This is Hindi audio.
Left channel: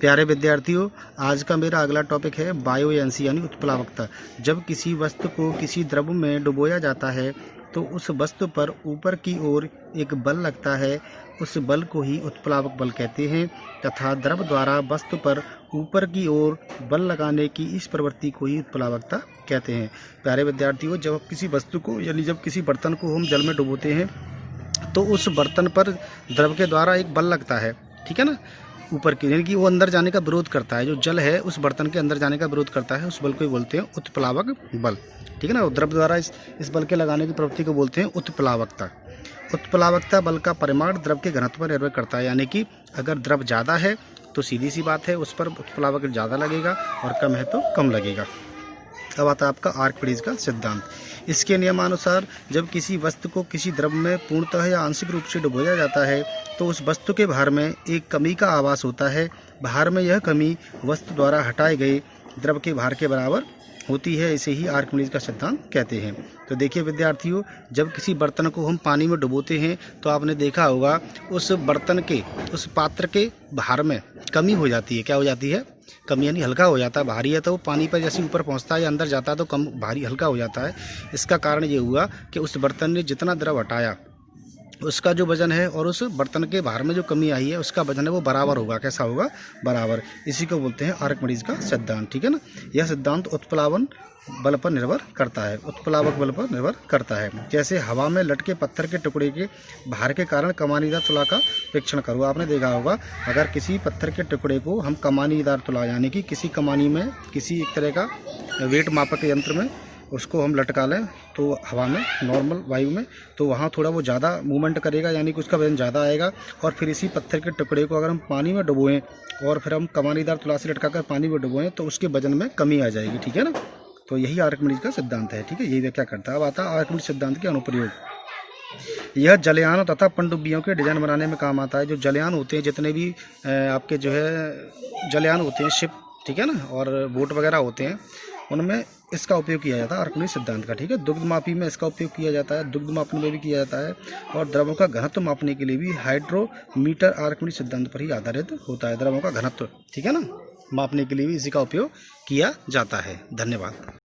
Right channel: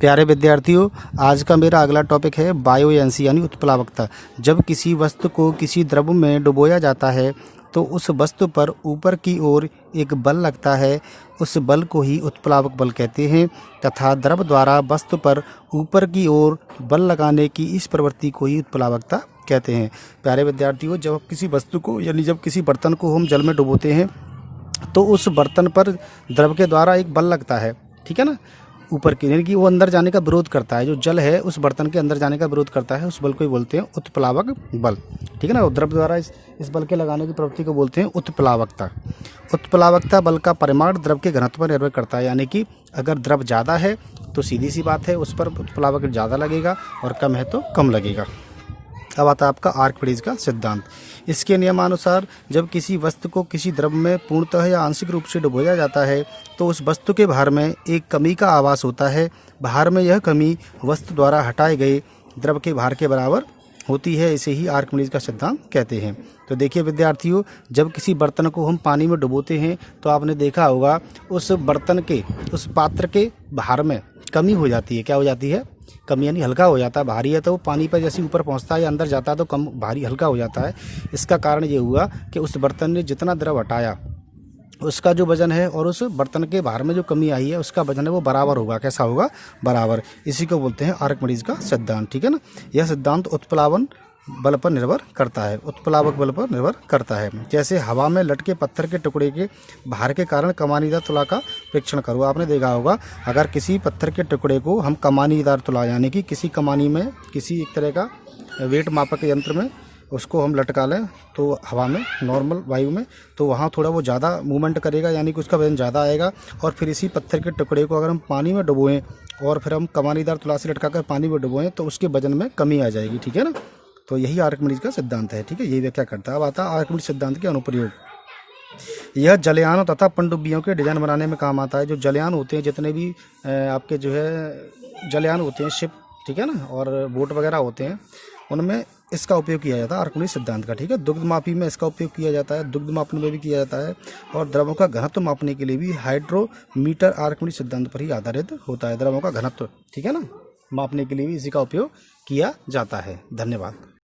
प्यारे विद्यार्थियों, आज का मेरा अगला टॉपिक है बायोएंसी यानी उत्प्लावकता। जब किसी वस्तु को किसी द्रव में डुबोया जाता है तो उस वस्तु पर ऊपर की ओर एक बल लगता है। उस बल को ही उत्प्लावक बल कहते हैं तथा द्रव द्वारा वस्तु पर ऊपर की ओर बल लगाने की इस प्रवृत्ति को ही उत्प्लावकता कहते हैं। प्यारे विद्यार्थियों, जब किसी वस्तु को यानी जब किसी बर्तन को हम जल में डुबोते हैं तो उस बर्तन पर द्रव के द्वारा एक बल लगता है, ठीक है ना, ऊपर की, यानी कि वो अंदर जाने का विरोध करता है। जो जल है उस बर्तन के अंदर जाने का विरोध करता है, उस बल को ही बोलते हैं उत्प्लावक बल, ठीक है ना। द्रव द्वारा इस बल के लगाने की प्रवृत्ति को बोलते हैं उत्प्लावकता। उत्प्लावकता बल का परिमाण द्रव के घनत्व पर निर्भर करता है, यानी कि अगर द्रव ज़्यादा है तो सीधी सी बात है उस पर उत्प्लावक ज़्यादा लगेगा और कम है तो कम लगेगा। अब आता है आपका आर्किमिडीज का सिद्धांत। इसके नियमानुसार जब किसी वस्तु को किसी द्रव में पूर्णतः या आंशिक रूप से डुबोया जाता है तो उस वस्तु के भार में एक कमी का आभास होता है। भार में यह कमी वस्तु द्वारा हटाए गए द्रव के भार के बराबर होती है। इसे ही आर्किमिडीज का सिद्धांत कहते हैं। तो देखिए विद्यार्थियों, जब किसी बर्तन को हम पानी में डुबोते हैं तो आपने देखा होगा उस बर्तन के, उस पात्र के भार में कमी हो जाती है। क्या हो जाती है? कमी, यानी हल्का हो जाता है। भारी है तो वो पानी पर जैसे ऊपर पहुंचता है या अंदर जाता है तो कम भारी हल्का हो जाता है। इसका कारण ये हुआ कि उस बर्तन ने जितना द्रव हटाया उसका जो वजन है और उस बर्तन के भार में जो कमी आई है उसका वजन है वो बराबर होगा। कैसा होगा? बराबर। इसी को बोलते हैं आर्किमिडीज का सिद्धांत, ठीक है ना। यह सिद्धांत उत्प्लावन बल पर निर्भर करता है, उत्प्लावक बल पर निर्भर करता है। जैसे हवा में लटके पत्थर के टुकड़े के भार के कारण कमानीदार तुला का परीक्षण करो। आपने देखा होगा अगर किसी पत्थर के टुकड़े को हम कमानीदार तुला यानी कि किसी कमानी में किसी एक तरह का वेट मापक यंत्र में उसको हम लटका लें तो हवा में, नॉर्मल वायु में, तो वहाँ थोड़ा वो ज़्यादा मूवमेंट करेगा, यानी कि उसका वजन ज़्यादा आएगा। और फिर इसी पत्थर के टुकड़े को अगर हम पानी में डुबोएं और फिर हम कमानीदार तुला से लटका कर पानी में डुबोएं तो उसके वजन में कमी आ जाएगी, ठीक है ना। तो यही आर्किमिडीज का सिद्धांत है, ठीक है। यही व्याख्या करता है। अब आता है आर्किमिडीज सिद्धांत के अनुप्रयोग। यह जलयानों तथा पनडुब्बियों के डिजाइन बनाने में काम आता है। जो जलयान होते हैं, जितने भी आपके जो है जलयान होते हैं, शिप, ठीक है ना, और बोट वगैरह होते हैं, उनमें इसका उपयोग किया जाता है आर्किमिडीज सिद्धांत का, ठीक है। दुग्ध मापी में इसका उपयोग किया जाता है, दुग्ध मापने में भी किया जाता है। और द्रवों का घनत्व मापने के लिए भी हाइड्रोमीटर आर्किमिडीज सिद्धांत पर ही आधारित होता है। द्रवों का घनत्व, ठीक है ना, मापने के लिए भी इसी का उपयोग किया जाता है। धन्यवाद।